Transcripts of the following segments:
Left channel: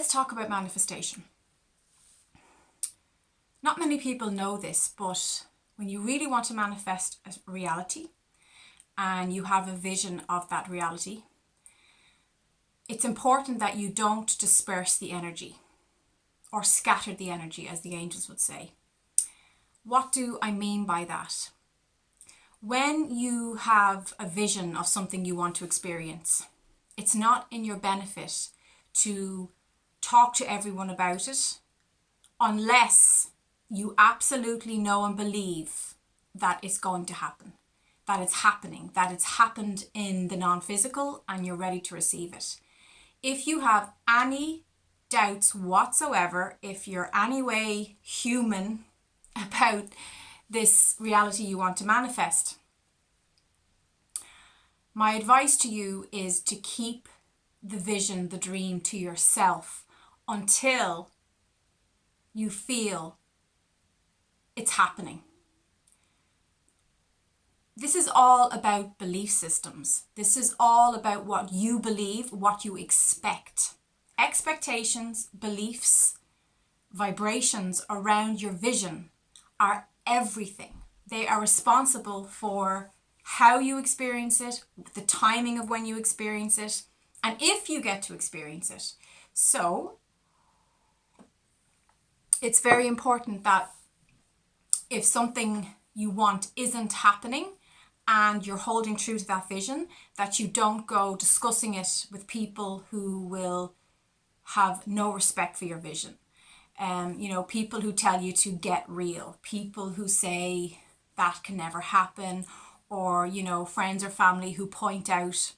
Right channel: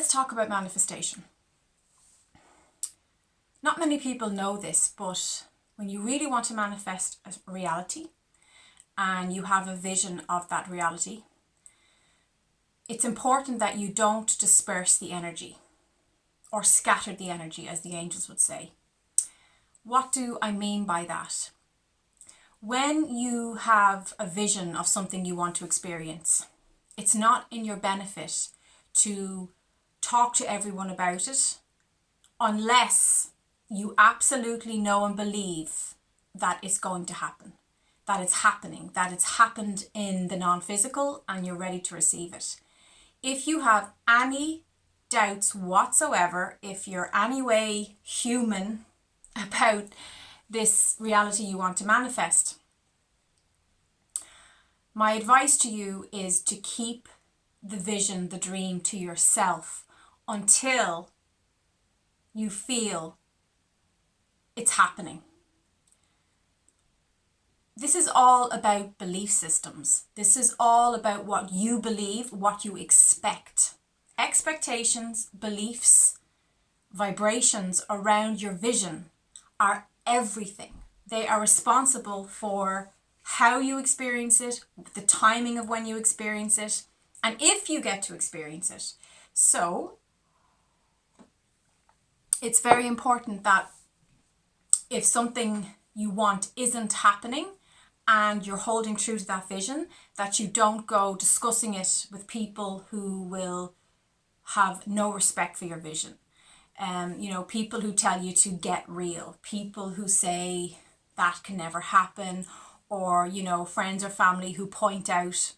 Let's talk about manifestation. Not many people know this, but when you really want to manifest a reality and you have a vision of that reality, it's important that you don't disperse the energy or scatter the energy, as the angels would say. What do I mean by that? When you have a vision of something you want to experience, it's not in your benefit to talk to everyone about it unless you absolutely know and believe that it's going to happen, that it's happening, that it's happened in the non-physical and you're ready to receive it. If you have any doubts whatsoever, if you're any way human about this reality you want to manifest, my advice to you is to keep the vision, the dream to yourself until you feel it's happening. This is all about belief systems. This is all about what you believe, what you expect. Expectations, beliefs, vibrations around your vision are everything. They are responsible for how you experience it, the timing of when you experience it, and if you get to experience it. So it's very important that if something you want isn't happening and you're holding true to that vision, that you don't go discussing it with people who will have no respect for your vision. People who tell you to get real, people who say that can never happen, or, friends or family who point out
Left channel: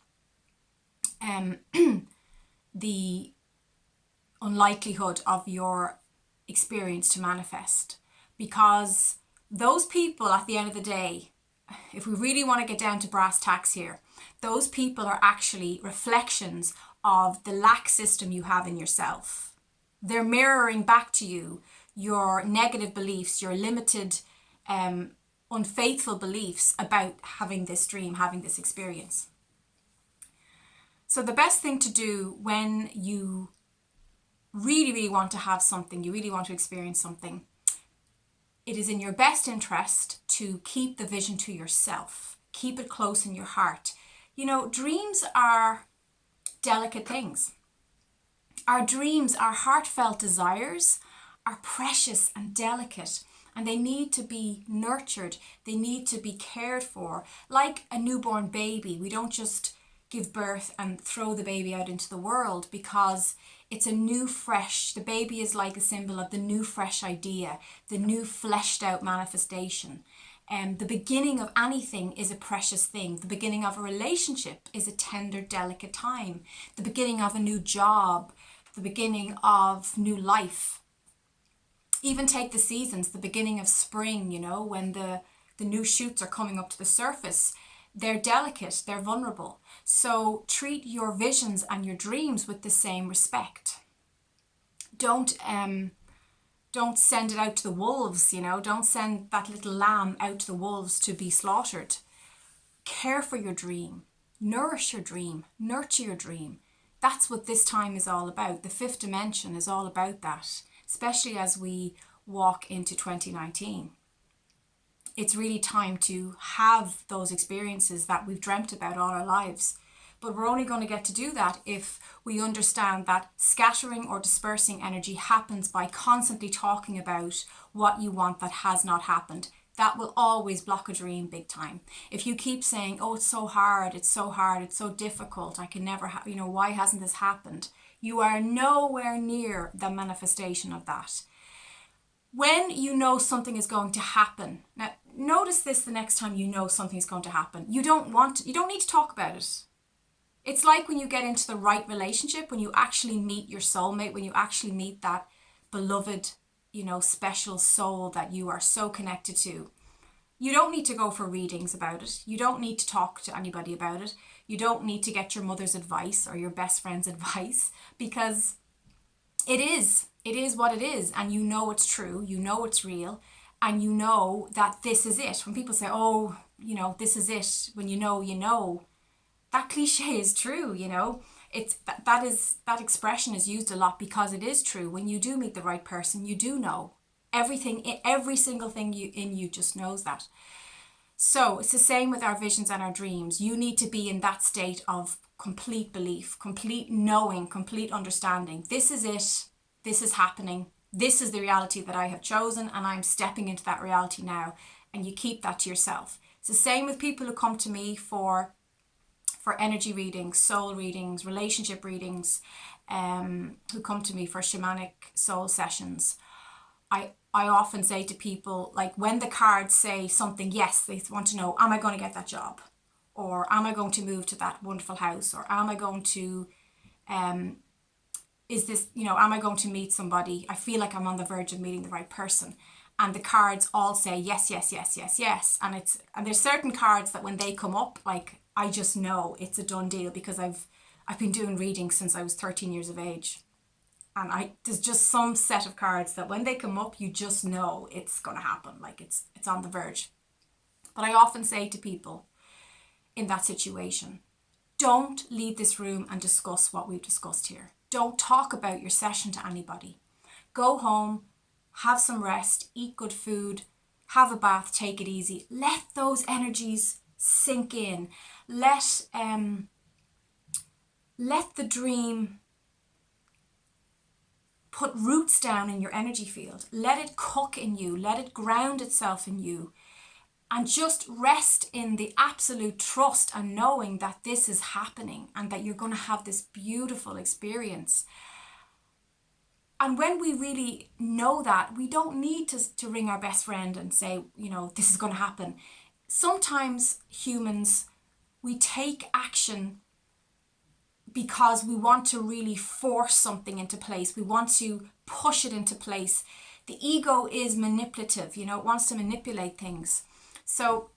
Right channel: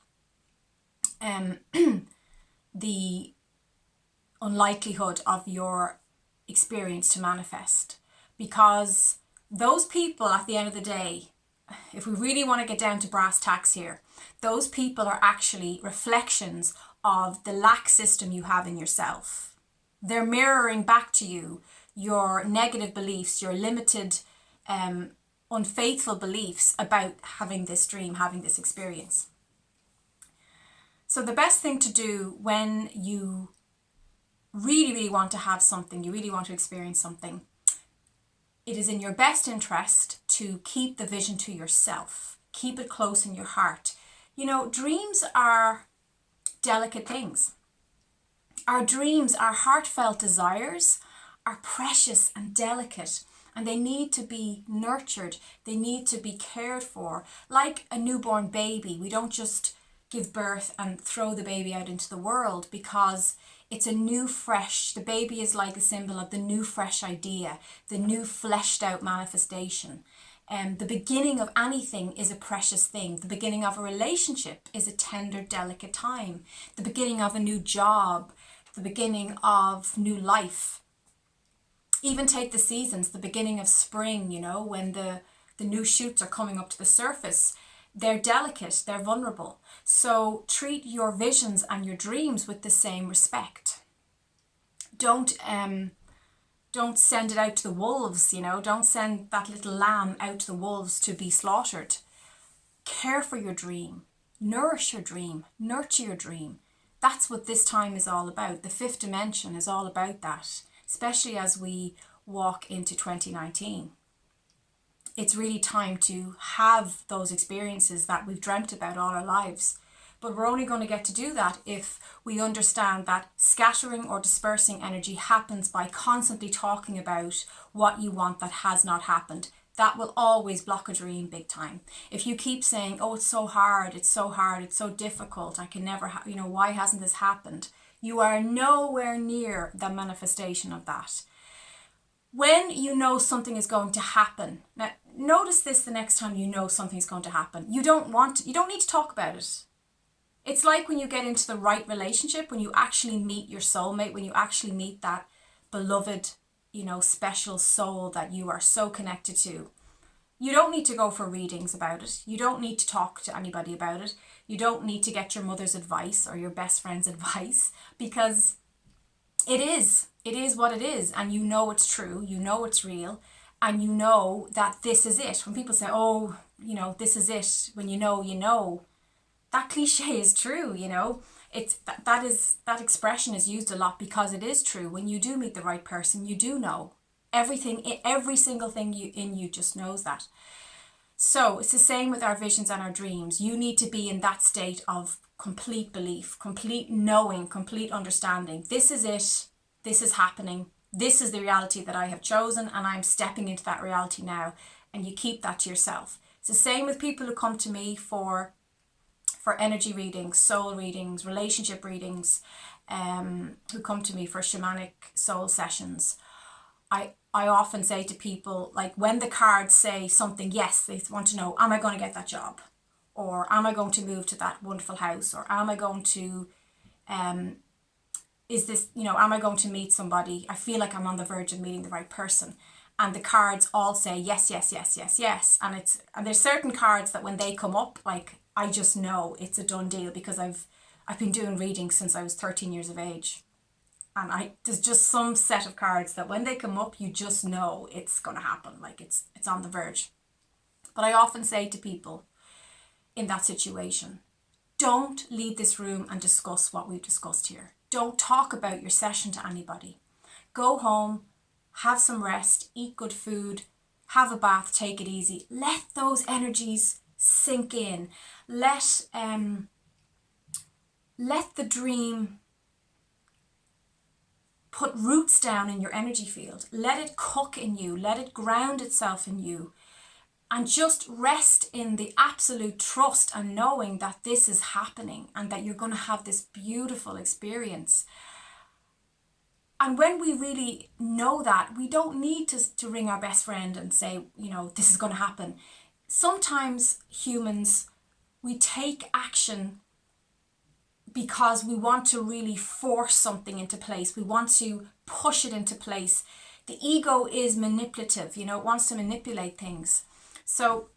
the unlikelihood of your experience to manifest. Because those people, at the end of the day, if we really want to get down to brass tacks here, those people are actually reflections of the lack system you have in yourself. They're mirroring back to you your negative beliefs, your limited, unfaithful beliefs about having this dream, having this experience. So the best thing to do when you really, really want to have something, you really want to experience something, it is in your best interest to keep the vision to yourself. Keep it close in your heart. Dreams are delicate things. Our dreams, our heartfelt desires are precious and delicate, and they need to be nurtured. They need to be cared for. Like a newborn baby, we don't just give birth and throw the baby out into the world, because it's a new fresh, the baby is like a symbol of the new fresh idea, the new fleshed out manifestation. The beginning of anything is a precious thing. The beginning of a relationship is a tender, delicate time. The beginning of a new job, the beginning of new life. Even take the seasons, the beginning of spring, when the new shoots are coming up to the surface. They're delicate, they're vulnerable. So treat your visions and your dreams with the same respect. Don't send it out to the wolves, don't send that little lamb out to the wolves to be slaughtered. Care for your dream, nourish your dream, nurture your dream. That's what this time is all about. The fifth dimension is all about that, especially as we walk into 2019. It's really time to have those experiences that we've dreamt about all our lives. But we're only going to get to do that if we understand that scattering or dispersing energy happens by constantly talking about what you want that has not happened. That will always block a dream big time. If you keep saying, oh, it's so hard, it's so difficult, I can never, why hasn't this happened? You are nowhere near the manifestation of that. When you know something is going to happen, now notice this the next time you know something's going to happen. You don't need to talk about it. It's like when you get into the right relationship, when you actually meet your soulmate, when you actually meet that beloved, special soul that you are so connected to. You don't need to go for readings about it. You don't need to talk to anybody about it. You don't need to get your mother's advice or your best friend's advice, because it is what it is, and you know it's true, you know it's real, and you know that this is it. When people say, oh, this is it, when you know, that cliche is true, That expression is used a lot because it is true. When you do meet the right person, you do know everything, every single thing in you just knows that. So it's the same with our visions and our dreams. You need to be in that state of complete belief, complete knowing, complete understanding. This is it. This is happening. This is the reality that I have chosen, and I'm stepping into that reality now. And you keep that to yourself. It's the same with people who come to me for energy readings, soul readings, relationship readings, who come to me for shamanic soul sessions. I often say to people, like, when the cards say something, yes, they want to know, am I going to get that job? Or am I going to move to that wonderful house? Or am I going to, am I going to meet somebody? I feel like I'm on the verge of meeting the right person. And the cards all say yes, yes, yes, yes, yes. And there's certain cards that when they come up, like, I just know it's a done deal, because I've been doing readings since I was 13 years of age. And there's just some set of cards that when they come up, you just know it's going to happen. Like it's on the verge. But I often say to people in that situation, don't leave this room and discuss what we've discussed here. Don't talk about your session to anybody. Go home, have some rest, eat good food, have a bath, take it easy. Let those energies sink in. Let the dream put roots down in your energy field. Let it cook in you. Let it ground itself in you. And just rest in the absolute trust and knowing that this is happening and that you're going to have this beautiful experience. And when we really know that, we don't need to ring our best friend and say, this is going to happen. Sometimes humans, we take action because we want to really force something into place. We want to push it into place. The ego is manipulative, it wants to manipulate things. So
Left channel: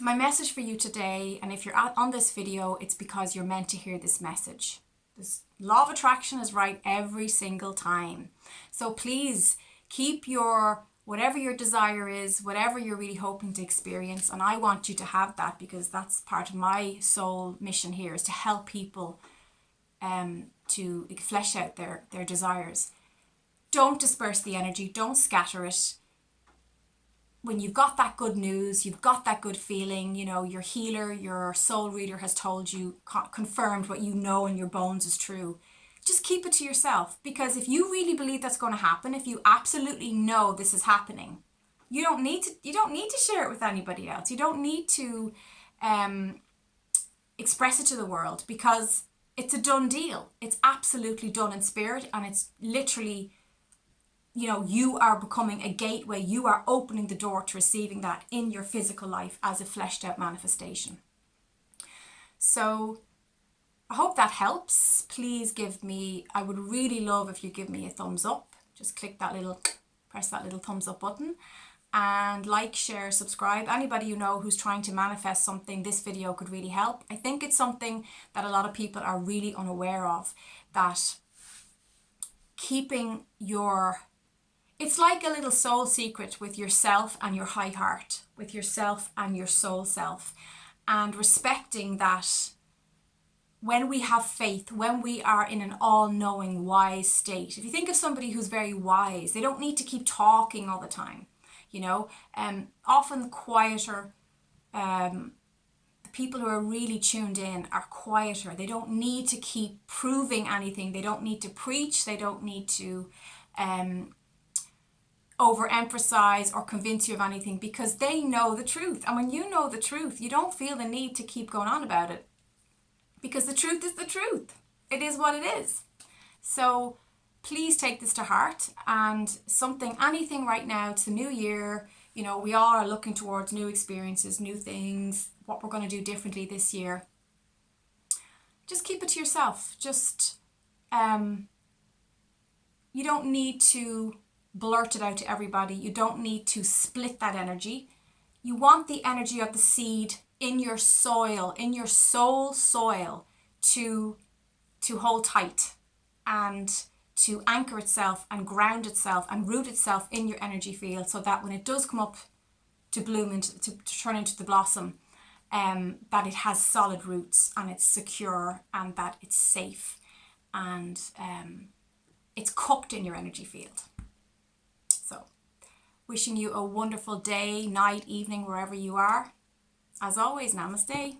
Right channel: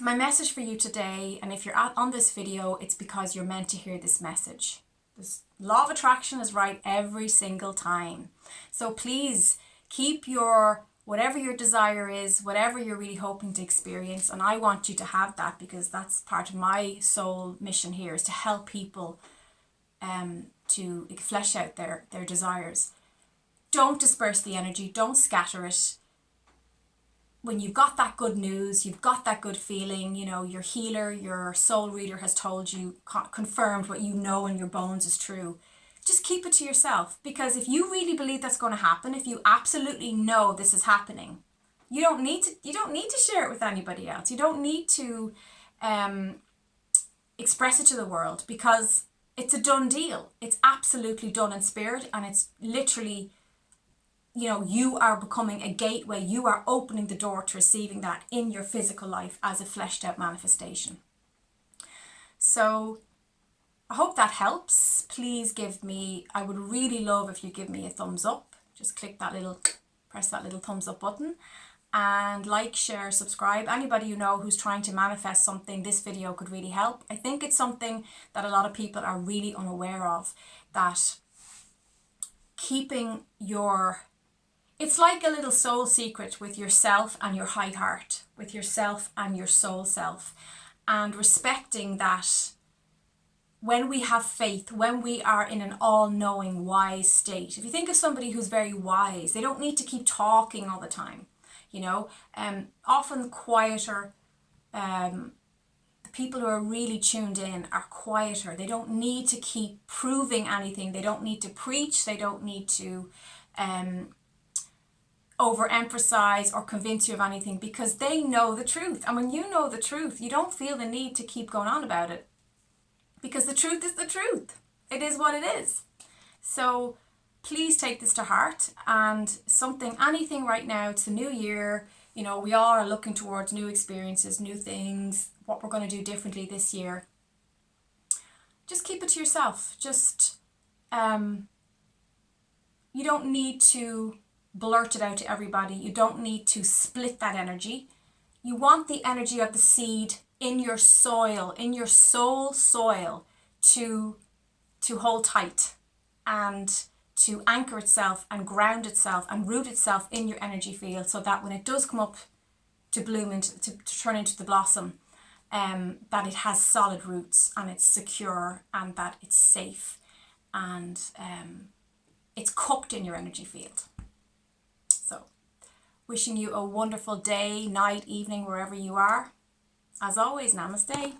my message for you today, and if you're on this video, it's because you're meant to hear this message. This law of attraction is right every single time. So please keep whatever your desire is, whatever you're really hoping to experience. And I want you to have that, because that's part of my soul mission here, is to help people to flesh out their desires. Don't disperse the energy. Don't scatter it. When you've got that good news, you've got that good feeling, your healer, your soul reader has told you, confirmed what you know in your bones is true. Just keep it to yourself, because if you really believe that's going to happen, if you absolutely know this is happening, you don't need to share it with anybody else. You don't need to express it to the world, because it's a done deal. It's absolutely done in spirit, and it's literally, you are becoming a gateway. You are opening the door to receiving that in your physical life as a fleshed out manifestation. So I hope that helps. Please I would really love if you give me a thumbs up. Just press that little thumbs up button, and like, share, subscribe. Anybody who's trying to manifest something, this video could really help. I think it's something that a lot of people are really unaware of, that keeping it's like a little soul secret with yourself and your high heart, with yourself and your soul self, and respecting that when we have faith, when we are in an all-knowing, wise state. If you think of somebody who's very wise, they don't need to keep talking all the time. Often quieter, the people who are really tuned in are quieter. They don't need to keep proving anything. They don't need to preach. They don't need to overemphasize or convince you of anything, because they know the truth. And when you know the truth, you don't feel the need to keep going on about it, because the truth is the truth. It is what it is. So please take this to heart, and anything right now. It's the new year. We all are looking towards new experiences, new things, what we're going to do differently this year. Just keep it to yourself. Just, you don't need to blurt it out to everybody. You don't need to split that energy. You want the energy of the seed in your soil, in your soul soil, to hold tight and to anchor itself and ground itself and root itself in your energy field, so that when it does come up to bloom and to turn into the blossom, that it has solid roots and it's secure and that it's safe and it's cooked in your energy field. So, wishing you a wonderful day, night, evening, wherever you are. As always, namaste.